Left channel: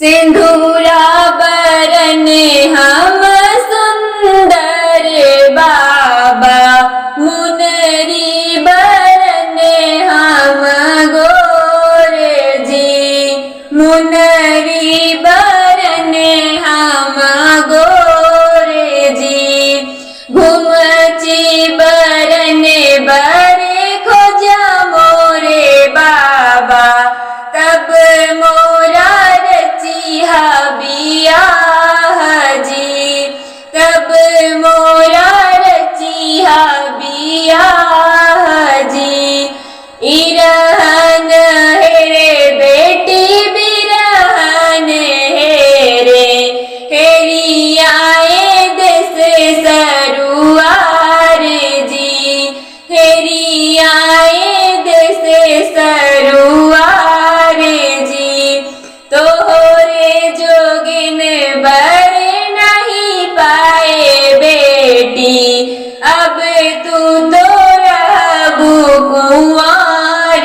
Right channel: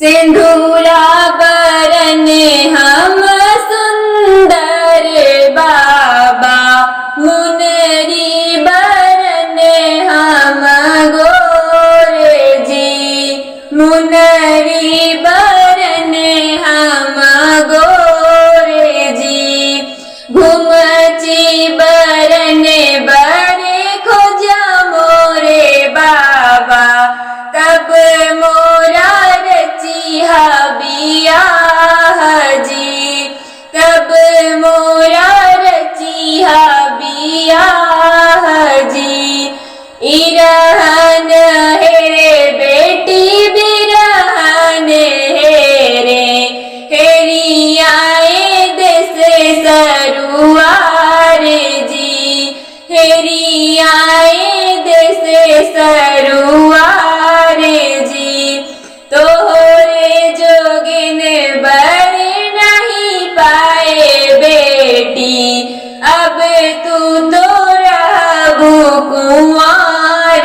सिंदूरा बरने हम सुंदर बाबा, मुनरी बरने हम गोरे जी, मुनरी बरने हम गोरे जी, घुमची बरने बरे खोजा मोरे बाबा, तब मोरा रचिहा बियाह जी, तब मोरा रचिहा बियाह जी। इरहन हेरे बेटी बिरहन हेरे, हेरी आए देश सरुआर जी, हेरी आए देश सरुआर जी। तोहरे जोगिन बर नहीं पाए बेटी, अब तू तो रहबू कुंवार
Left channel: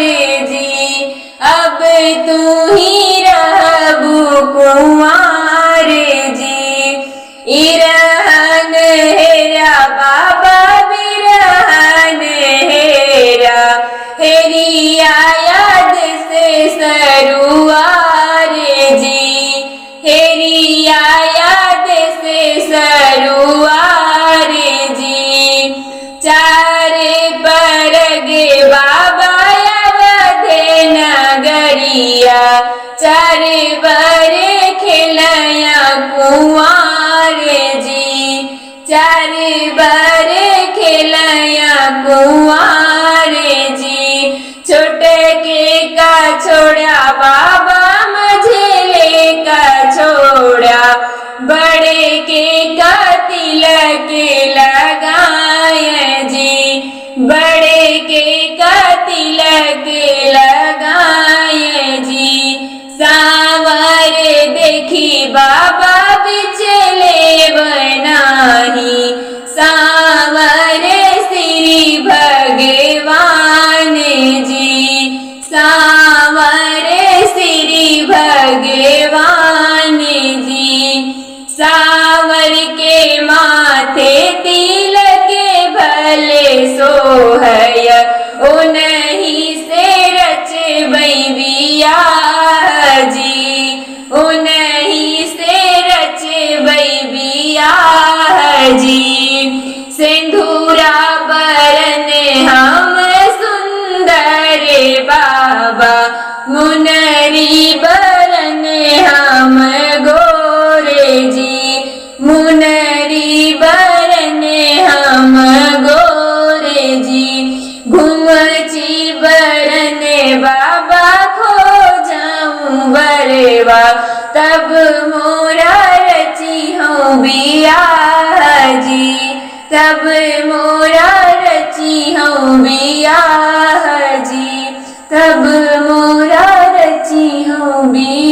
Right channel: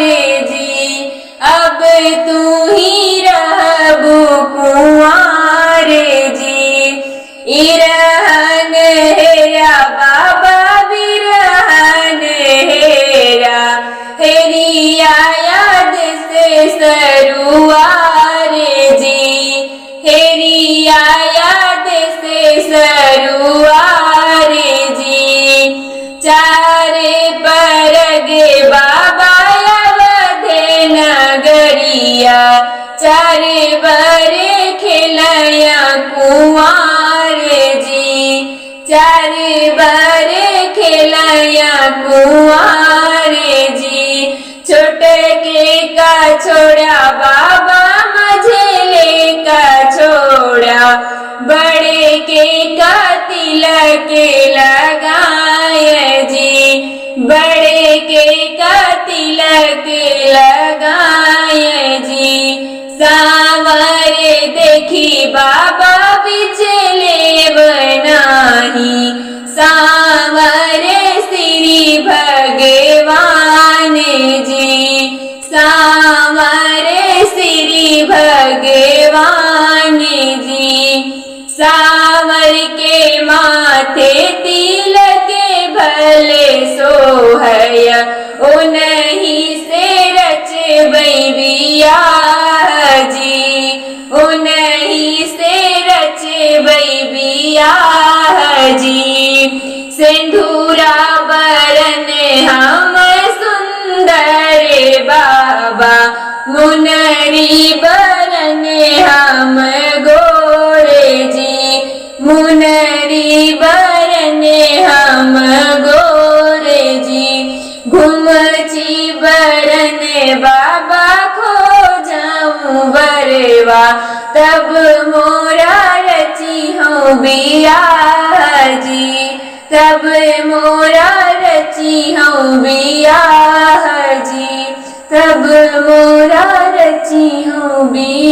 जी, अब तू ही रहबू कुंवार जी। इरहन हेरा बाबा बिरहन हेरा, हेरी आया देश सरुआर जी, हेरी आया देश सरुआर जी। चारे परगे बाबा अवधे नगरिया, चारे बरे खेलया कुंवार जी, चारे बरे खेलया कुंवार जी। छोटके का छोड़ा बाबा मझेले का छोड़ा, बड़े के का तिलक लगाए जी, बड़े के का तिलक लगाए जी। सांवर देखी बाबा बिचले बनाही, सांवर श्री भगवान जी, सांवर श्री भगवान जी। सांवर के माथे तिलक भले सोहय, उन्हीं से रचबई बियाह जी, उन्हीं से रचबई बियाह जी। सिंदूरा बरने हम सुंदर बाबा, मुनरी बरने हम गोरे जी, मुनरी बरने हम गोरे जी। घुमची बरने बाबा खो जाऊं बरवा, तब मोरा रची हूँ बियाह जी, तब मोरा रची हूँ बियाह जी, तब मोरा रची हूँ बियाह।